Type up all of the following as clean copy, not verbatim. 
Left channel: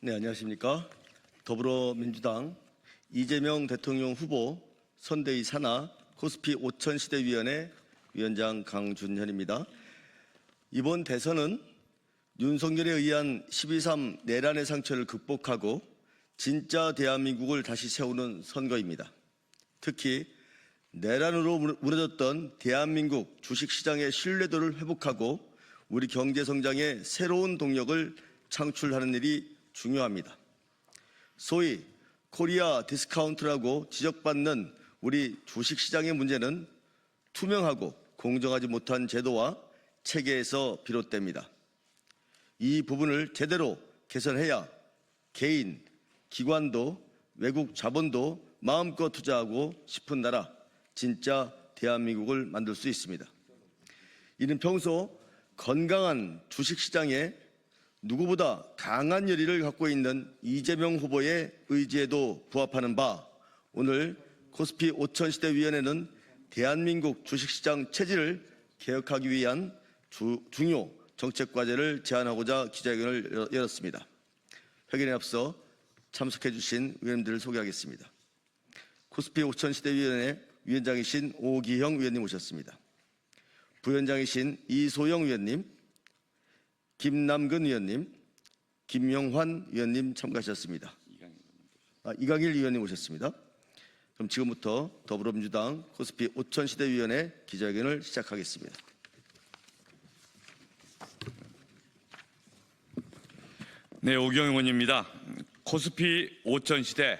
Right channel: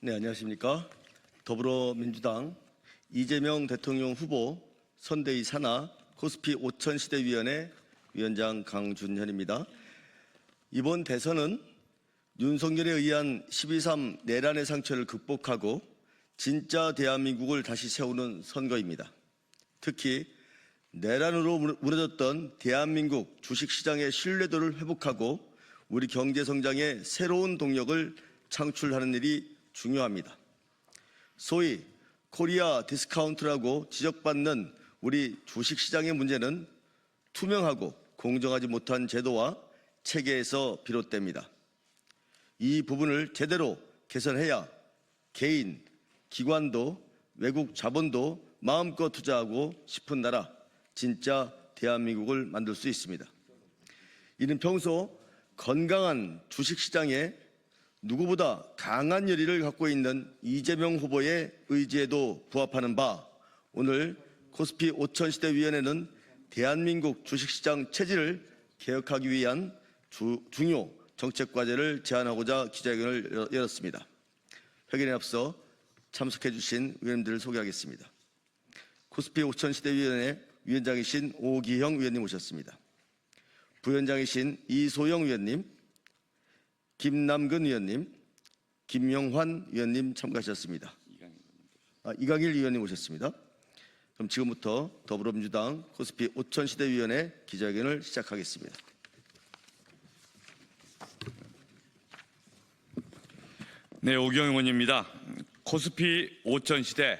네, 안녕하십니까. 더불어민주당 이재명 대통령 후보 선대위 산하 코스피 5000시대위원회 위원장 강준현입니다. 이번 대선은 윤석열에 의한 12.3 내란의 상처를 극복하고 진짜 대한민국을 다시 세우는 선거입니다. 특히 내란으로 무너졌던 대한민국 주식시장의 신뢰도를 회복하고 우리 경제성장의 새로운 동력을 창출하는 일이 중요합니다. 소위 코리아 디스카운트라고 지적받는 우리 주식시장의 문제는 투명하고 공정하지 못한 제도와 체계에서 비롯됩니다. 이 부분을 제대로 개선해야 개인, 기관도 외국 자본도 마음껏 투자하고 싶은 나라, 진짜 대한민국을 만들 수 있습니다. 이는 평소 건강한 주식시장에 누구보다 강한 열의를 갖고 있는 이재명 후보의 의지에도 부합하는 바, 오늘 코스피 5000시대위원회는 대한민국 주식시장 체질을 개혁하기 위한 중요 정책과제를 제안하고자 기자회견을 열었습니다. 회견에 앞서 참석해 주신 의원들을 소개하겠습니다. 코스피 5000시대위원회 위원장이신 오기형 위원님 오셨습니다. 부위원장이신 이소영 위원님, 김남근 위원님, 김영환 위원님 참가하셨습니다. 이강일 위원님 오셨습니다. 그럼 지금부터 더불어민주당 코스피 5000시대위원회 기자회견을 시작하겠습니다. 네, 오기영 의원입니다. 코스피 5000시대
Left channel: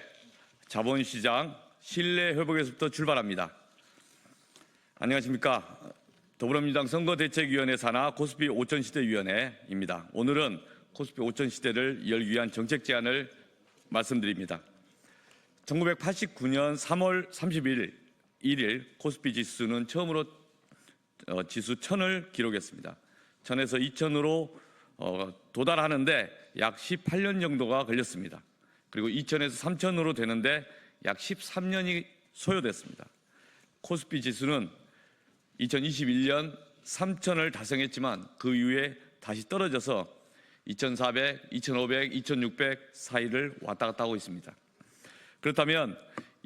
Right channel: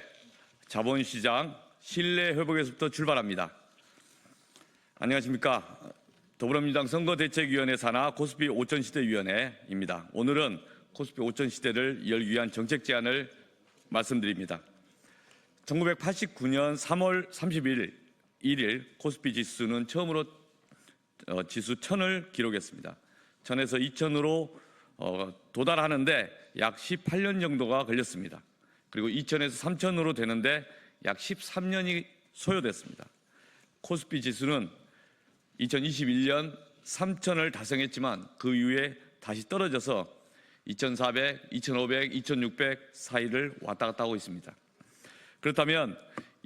자본시장 신뢰 회복에서부터 출발합니다. 안녕하십니까. 더불어민주당 선거대책위원회 산하 코스피 5000시대위원회입니다. 오늘은 코스피 5000시대를 열기 위한 정책 제안을 말씀드립니다. 1989년 3월 31일 코스피 지수는 처음으로 지수 1000을 기록했습니다. 1000에서 2000으로 도달하는데 약 18년 정도가 걸렸습니다. 그리고 2000에서 3000으로 되는데 약 13년이 소요됐습니다. 코스피 지수는 2021년 3000을 달성했지만 그 이후에 다시 떨어져서 2400, 2500, 2600 사이를 왔다 갔다 하고 있습니다. 그렇다면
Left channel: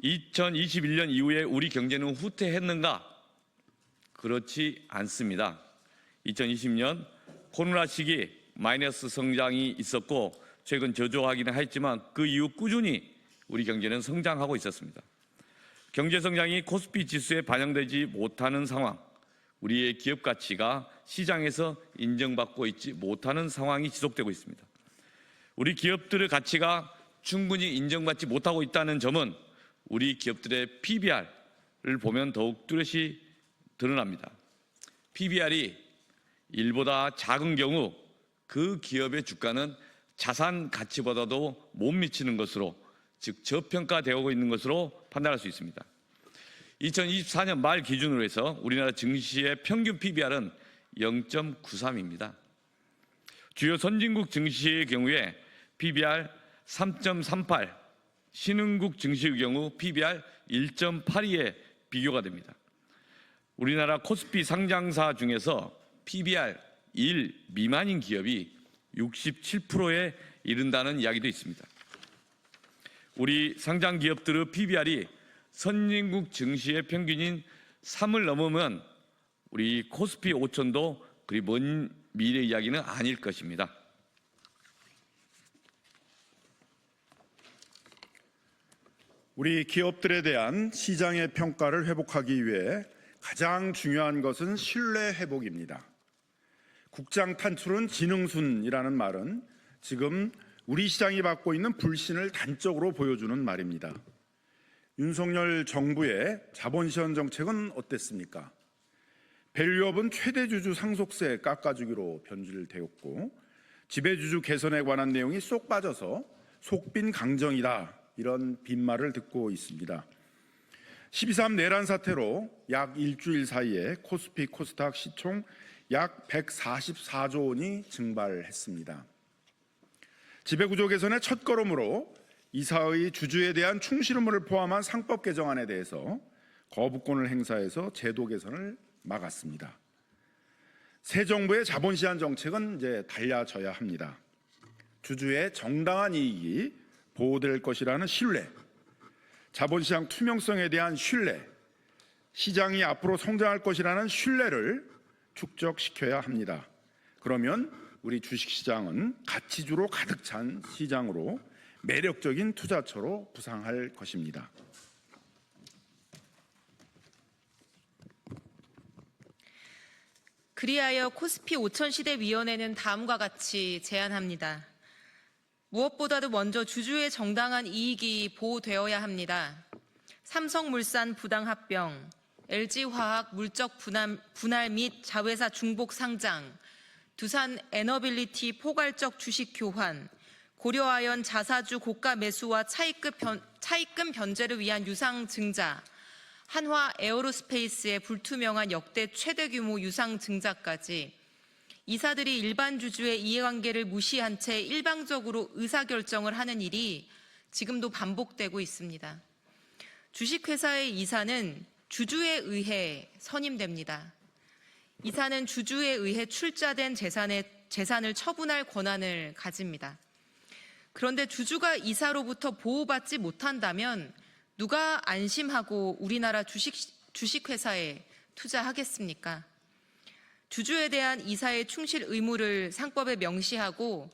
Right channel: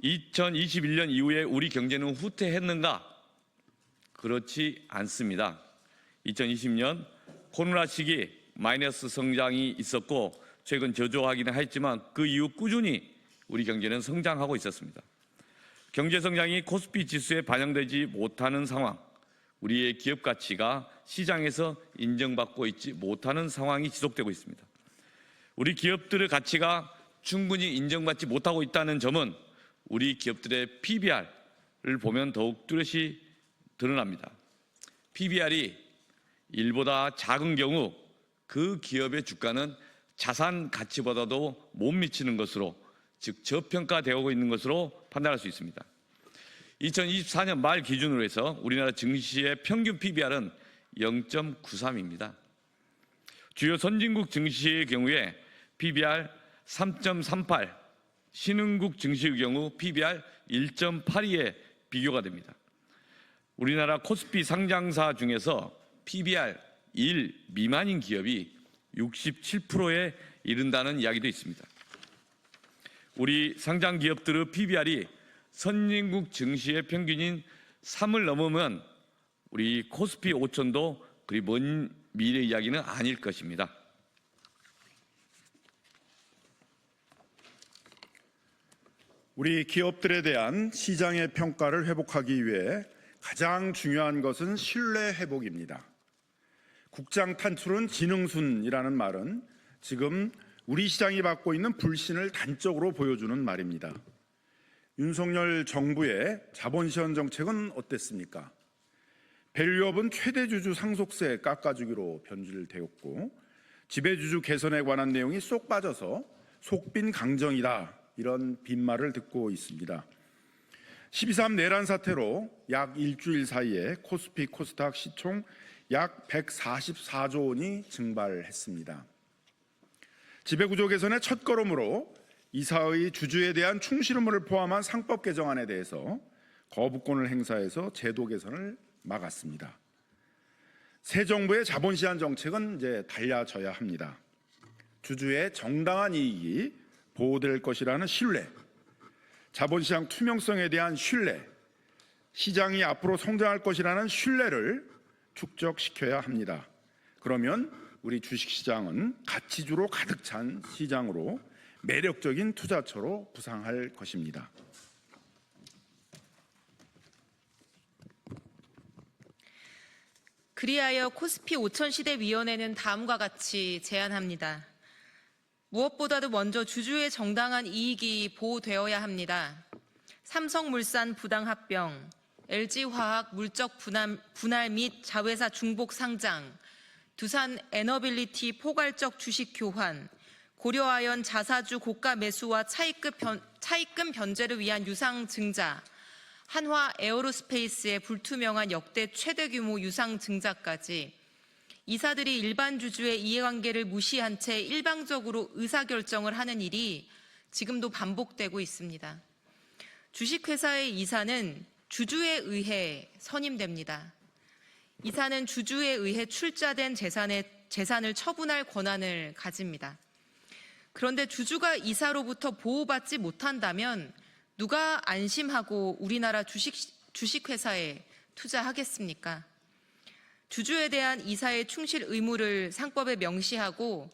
2021년 이후에 우리 경제는 후퇴했는가? 그렇지 않습니다. 2020년 코로나 시기 마이너스 성장이 있었고 최근 저조하기는 했지만 그 이후 꾸준히 우리 경제는 성장하고 있었습니다. 경제 성장이 코스피 지수에 반영되지 못하는 상황, 우리의 기업 가치가 시장에서 인정받고 있지 못하는 상황이 지속되고 있습니다. 우리 기업들의 가치가 충분히 인정받지 못하고 있다는 점은 우리 기업들의 PBR을 보면 더욱 뚜렷이 드러납니다. PBR이 1보다 작은 경우 그 기업의 주가는 자산 가치보다도 못 미치는 것으로, 즉 저평가되고 있는 것으로 판단할 수 있습니다. 2024년 말 기준으로 해서 우리나라 증시의 평균 PBR은 0.93입니다. 주요 선진국 증시의 경우에 PBR 3.38, 신흥국 증시의 경우 PBR 1.82에 비교가 됩니다. 우리나라 코스피 상장사 중에서 PBR 1 미만인 기업이 67%에 이른다는 이야기도 있습니다. 우리 상장 기업들의 PBR이 선진국 증시의 평균인 3을 넘으면 우리 코스피 5000도 그리 먼 미래 이야기는 아닐 것입니다. 우리 기업들에 대한 시장의 평가를 회복하기 위해 가장 중요한 것은 신뢰 회복입니다. 국장 탄출은 지능순이라는 말은 지금 우리 시장이 받고 있는 불신을 단적으로 보여주는 말입니다. 윤석열 정부의 자본시장 정책은 어땠습니까? 밸류업은 최대주주 상속세 깎아주기로 변질되었고 지배주주 개선에 관한 내용이 쏙 빠져서 속빈 강정이다, 이런 빈말을 듣고 있습니다. 12.3 내란 사태로 약 일주일 사이에 코스피 코스닥 시총 약 144조 원이 증발했습니다. 지배구조 개선의 첫걸음으로 이사의 주주에 대한 충실 의무를 포함한 상법 개정안에 대해서 거부권을 행사해서 제도 개선을 막았습니다. 새 정부의 자본시장 정책은 이제 달라져야 합니다. 주주의 정당한 이익이 보호될 것이라는 신뢰, 자본시장 투명성에 대한 신뢰, 시장이 앞으로 성장할 것이라는 신뢰를 축적시켜야 합니다. 그러면 우리 주식시장은 가치주로 가득 찬 시장으로 매력적인 투자처로 부상할 것입니다. 그리하여 코스피 5000시대위원회는 다음과 같이 제안합니다. 무엇보다도 먼저 주주의 정당한 이익이 보호되어야 합니다. 삼성물산 부당합병, LG화학 물적 분할 및 자회사 중복 상장, 두산 에너빌리티 포괄적 주식 교환, 고려아연 자사주 고가 매수와 차입금 변제를 위한 유상 증자, 한화 에어로스페이스의 불투명한 역대 최대 규모 유상 증자까지 이사들이 일반 주주의 이해관계를 무시한 채 일방적으로 의사결정을 하는 일이 지금도 반복되고 있습니다. 주식회사의 이사는 주주에 의해 선임됩니다. 이사는 주주에 의해 출자된 재산을 처분할 권한을 가집니다. 그런데 주주가 이사로부터 보호받지 못한다면 누가 안심하고 우리나라 주식회사에 투자하겠습니까? 주주에 대한 이사의 충실 의무를 상법에 명시하고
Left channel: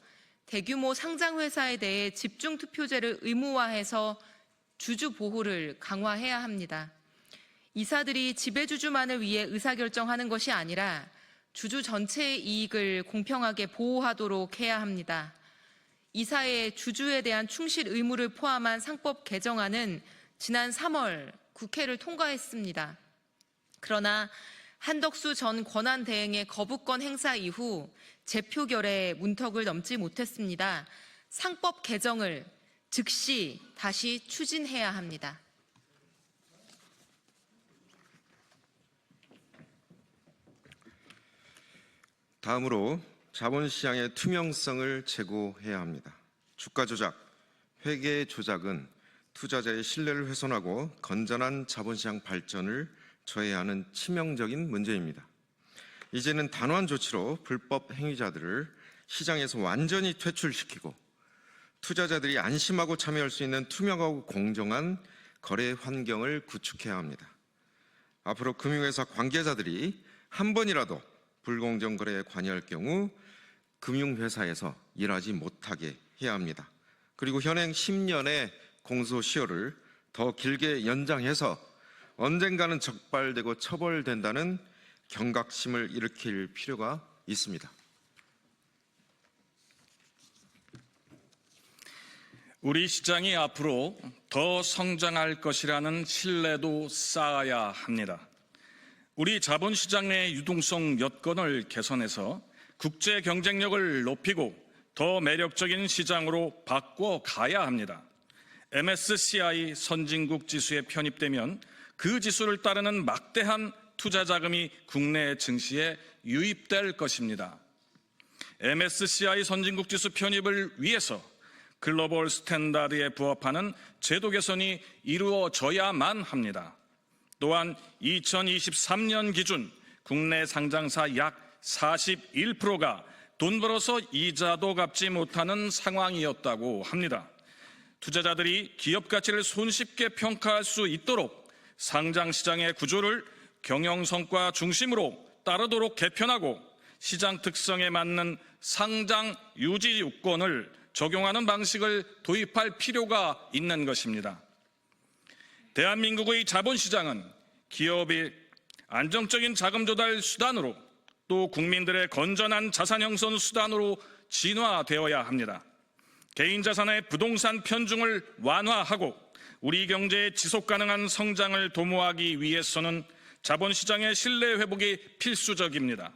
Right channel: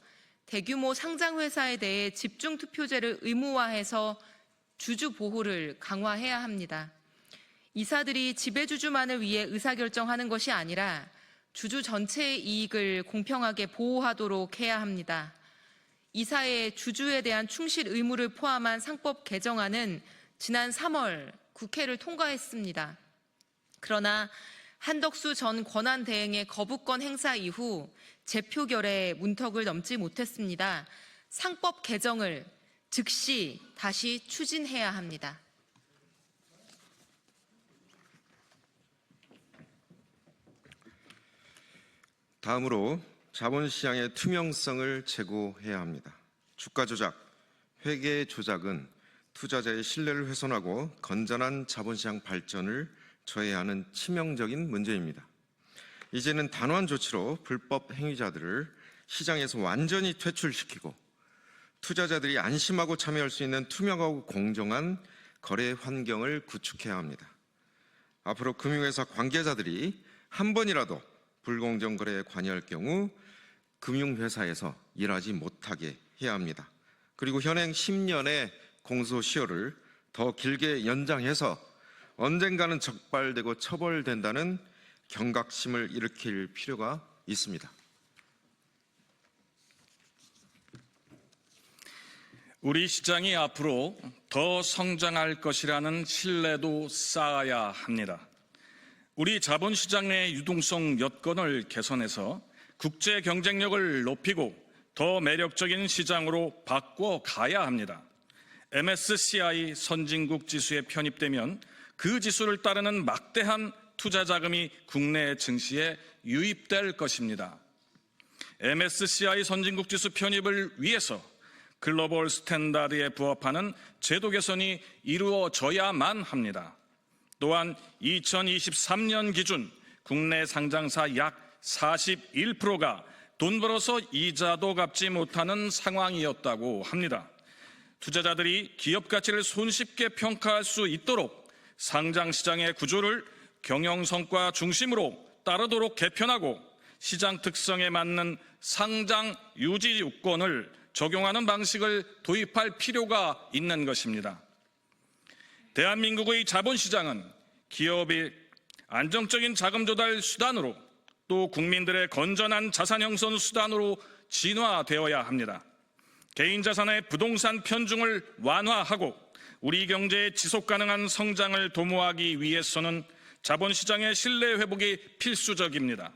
대규모 상장회사에 대해 집중투표제를 의무화해서 주주 보호를 강화해야 합니다. 이사들이 지배주주만을 위해 의사결정하는 것이 아니라 주주 전체의 이익을 공평하게 보호하도록 해야 합니다. 이사의 주주에 대한 충실 의무를 포함한 상법 개정안은 지난 3월 국회를 통과했습니다. 그러나 한덕수 전 권한대행의 거부권 행사 이후 재표결에 문턱을 넘지 못했습니다. 상법 개정을 즉시 다시 추진해야 합니다. 다음으로 자본시장의 투명성을 제고해야 합니다. 주가 조작, 회계 조작은 투자자의 신뢰를 훼손하고 건전한 자본시장 발전을 저해하는 치명적인 문제입니다. 이제는 단호한 조치로 불법 행위자들을 시장에서 완전히 퇴출시키고 투자자들이 안심하고 참여할 수 있는 투명하고 공정한 거래 환경을 구축해야 합니다. 앞으로 금융회사 관계자들이 한 번이라도 불공정 거래에 관여할 경우 금융회사에서 일하지 못하게 해야 합니다. 그리고 현행 10년의 공소시효를 더 길게 연장해서 언젠가는 적발되고 처벌된다는 경각심을 일으킬 필요가 있습니다. 우리 시장이 앞으로 더 성장할 것이라는 신뢰도 쌓아야 합니다. 우리 자본시장 내 유동성 여건을 개선해서 국제 경쟁력을 높이고 더 매력적인 시장으로 바꿔가야 합니다. MSCI 선진국 지수에 편입되면 그 지수를 따르는 막대한 투자 자금이 국내 증시에 유입될 것입니다. MSCI 선진국 지수 편입을 위해서 글로벌 스탠다드에 부합하는 제도 개선이 이루어져야만 합니다. 또한 2023년 기준 국내 상장사 약 41%가 돈 벌어서 이자도 갚지 못하는 상황이었다고 합니다. 투자자들이 기업 가치를 손쉽게 평가할 수 있도록 상장시장의 구조를 경영성과 중심으로 따르도록 개편하고 시장 특성에 맞는 상장 유지 요건을 적용하는 방식을 도입할 필요가 있는 것입니다. 대한민국의 자본시장은 기업의 안정적인 자금 조달 수단으로 또 국민들의 건전한 자산 형성 수단으로 진화되어야 합니다. 개인 자산의 부동산 편중을 완화하고 우리 경제의 지속 가능한 성장을 도모하기 위해서는 자본시장의 신뢰 회복이 필수적입니다.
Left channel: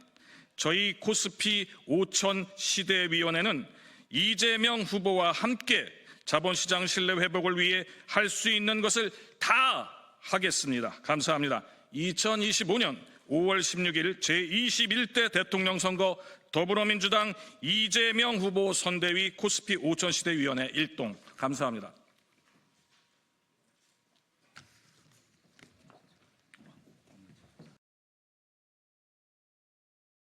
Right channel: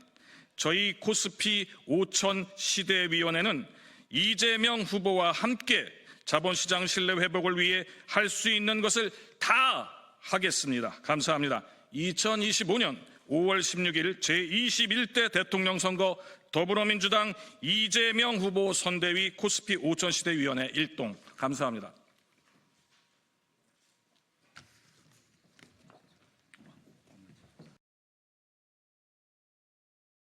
저희 코스피 5000 시대위원회는 이재명 후보와 함께 자본시장 신뢰 회복을 위해 할 수 있는 것을 다 하겠습니다. 감사합니다. 2025년 5월 16일 제21대 대통령 선거 더불어민주당 이재명 후보 선대위 코스피 5000 시대위원회 1동 감사합니다.